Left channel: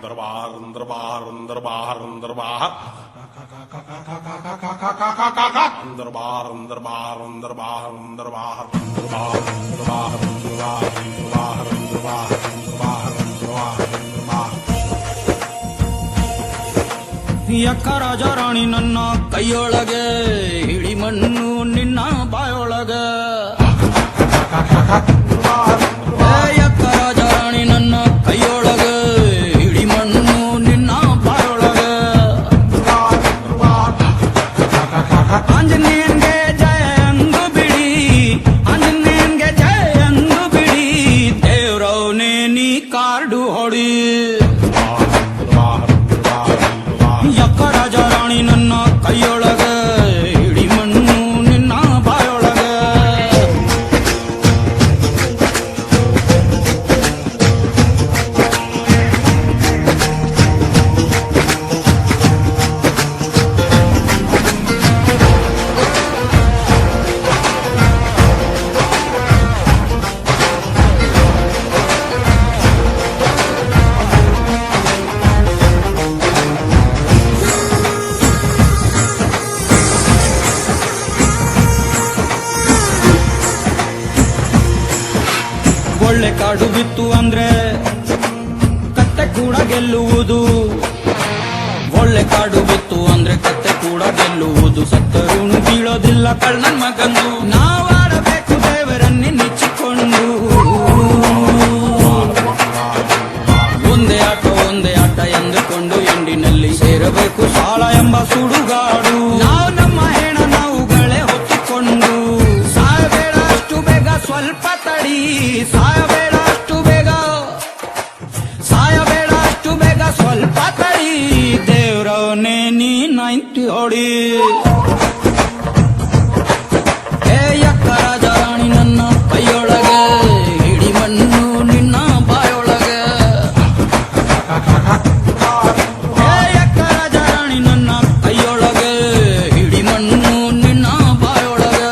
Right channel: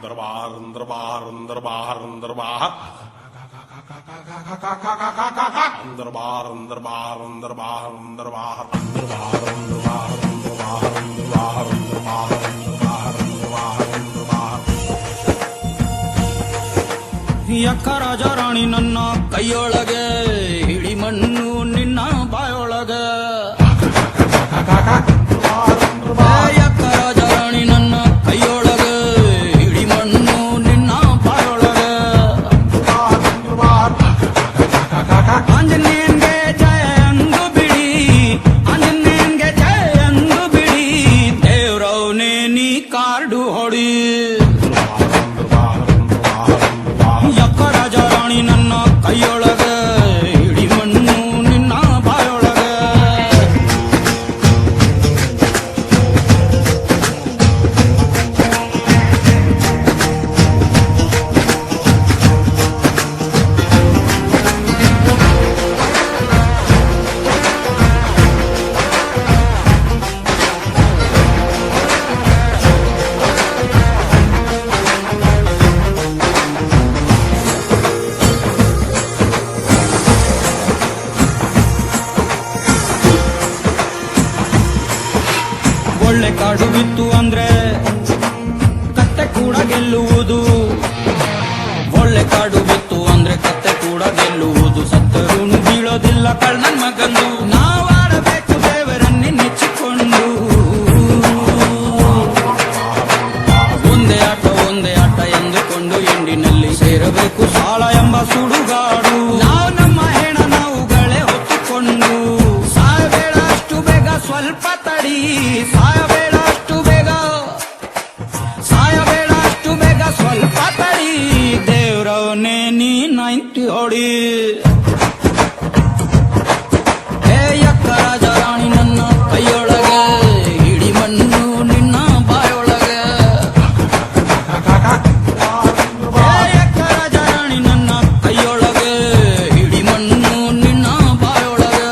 दरबार दरबार दरबार दरबार दरबार दरबार दरबार दरबार ಯಕ್ಕ ರಾಜ ರಾಣಿ ನನ್ನ ಕೈಯೊಳಗೆ ಹಿಡಿ ಮಣ್ಣು ನಿನ್ನ ಬಾಯೊಳಗೆ ಯಕ್ಕ ರಾಜ ರಾಣಿ ನನ್ನ ಕೈಯೊಳಗೆ ಹಿಡಿ ಮಣ್ಣು ನಿನ್ನ ಬಾಯೊಳಗೆ ಆಂಜನೇಯನ್ಗೆ ಜಯ ಅಂದು ಬಿಡಿ ಆಂಜನೇಯನ್ಗೆ ಜಯ ಅಂದು ಬಿಡಿ ದೇವ್ರವ್ನೇ ನೀ ಕಾರ್ಡು ಹೊಡಿ ಯಕ್ಕ ರಾಜ ರಾಣಿ ನನ್ನ ಕೈಯೊಳಗ ಹಿಡಿ ಮಣ್ಣು ನಿನ್ನ ಬಾಯೊಳಗ ಒಳ್ಳೆ ಕಾಡು ಬಿತ್ತು ಅಂದ್ರೆ ಕತ್ತೆ ಕೂಡ ಗೆಲ್ಲುವುದು ಒಳ್ಳೆ ಕಾಡು ಬಿತ್ತು ಅಂದ್ರೆ ಕತ್ತೆ ಕೂಡ ಗೆಲ್ಲುವುದು ಸತ್ತರುಣು ಬೀಳೋದಿಲ್ಲ ಕಳ್ಳನ್ ಮಗಂದು ನಾವಾಡಬೇಕು ದೇವರನ್ನೇ ನೆಚ್ಚಿಕೊಂಡು ಒಂದೇ ಆಟ ಎಂದುಕೊಂಡು ಎಂಡಿನಲ್ಲಿ ಸೇರಬೇಕು ಸಾಳ ಎಂಬ ಸುಡುಗಾಡು ನಾವು ನಮ್ಮ ಹೆಣ ನಾವುಗಳೇ ಹೊತ್ತುಕೊಂಡು ಸಾಯಬೇಡ ಅಷ್ಟು ಬೇಗ ಸ್ವಲ್ಪ ತಡಿ ಸಾಯಬೇಡ ಅಷ್ಟು ಬೇಗ ಸ್ವಲ್ಪ ತಡಿ ದೇವ್ರವನೇ ನೀ 90 ಹೊಡಿ ಹೇ ಯಕ್ಕ ರಾಜ ರಾಣಿ ನನ್ನ ಕೈಯೊಳಗೆ ಹಿಡಿ ಮಣ್ಣು ನಿನ್ನ ಬಾಯೊಳಗೆ ಹೇ ಯಕ್ಕ ರಾಜ ರಾಣಿ ನನ್ನ ಕೈಯೊಳಗೆ ಹಿಡಿ ಮಣ್ಣು ನಿನ್ನ ಬಾಯೊಳಗೆ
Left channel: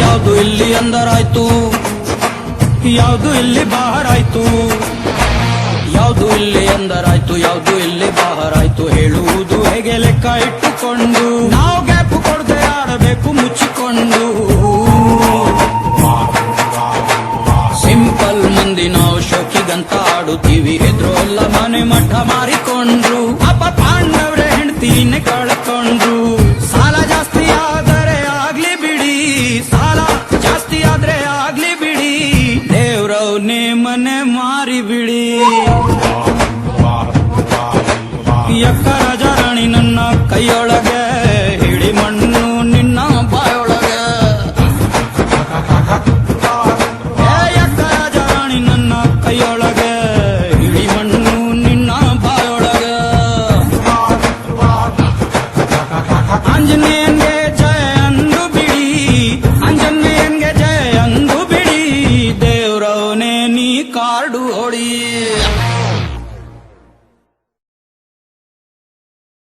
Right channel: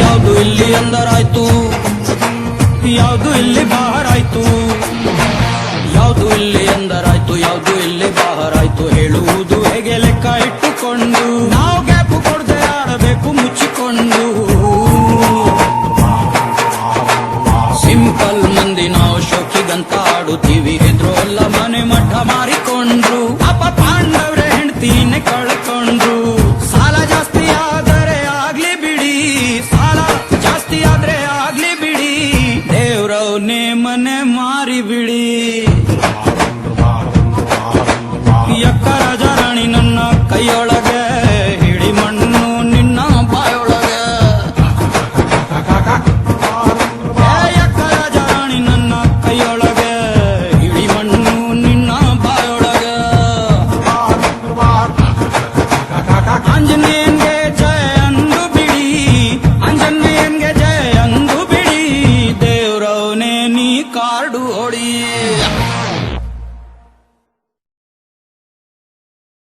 ಯಾವುದು ಇಲ್ಲಿ ಅಂದರಾಯ್ತು ಯಾವುದು ಇಲ್ಲಿ ಬಾಹರಾಯ್ತು ಯಾವುದು ಇಲ್ಲಿ ಅಂದರಾಯ್ತು ಯಾವುದು ಇಲ್ಲಿ ಬಾಹರಾಯ್ತು ಹೇಳುವುದು ಹೇಗೆ ಲೆಕ್ಕ ಇಟ್ಟುಕೊಂಡು ನಾವು ಗ್ಯಾಪು ಕೊಡದೆ ಆಡಬೇಕು ಮುಚ್ಚಿಕೊಂಡು ಸಿಂಪಲ್ ಮಂದಿ ನಾವು ಶೋಕಿಗಂತ ಆಡುತ್ತೀವಿ ಹೆದ್ರೋಲ್ಲ ಮನೆ ಮಠ ಮಾರಿಕೊಂಡ್ರು ಅಪ್ಪ ಪಾಂಡವ್ರೆ ಹೆಂಡ್ತೀನೆ ಕಳ್ಕೊಂಡ್ರು ಸಾಲ ಜಾಸ್ತಿ ಆದರೆ ಆಗ್ಲಿ ಬಿಡಿ ಸಾಲ ಜಾಸ್ತಿ ಆದ್ರೆ ಆಗ್ಲಿ ಬಿಡಿ ದೇವ್ರವ್ನೇ ಮನೆ ಮಾರಿ ಬಿಡಿ ಯಕ್ಕ ರಾಜ ರಾಣಿ ನನ್ನ ಕೈಯೊಳಗೆ ಹಿಡಿ ಮಣ್ಣು ನಿನ್ನ ಬಾಯೊಳಗೆ ಯಕ್ಕ ರಾಜ ರಾಣಿ ನನ್ನ ಕೈಯೊಳಗೆ ಹಿಡಿ ಮಣ್ಣು ನಿನ್ನ ಬಾಯೊಳಗೆ ಆಂಜನೇಯನ್ಗೆ ಜಯ ಅಂದು ಬಿಡಿ ಆಂಜನೇಯನ್ಗೆ ಜಯ ಅಂದು ಬಿಡಿ ದೇವ್ರವನೇ ನೀ ಕಾರ್ಡು ಹೊಡಿ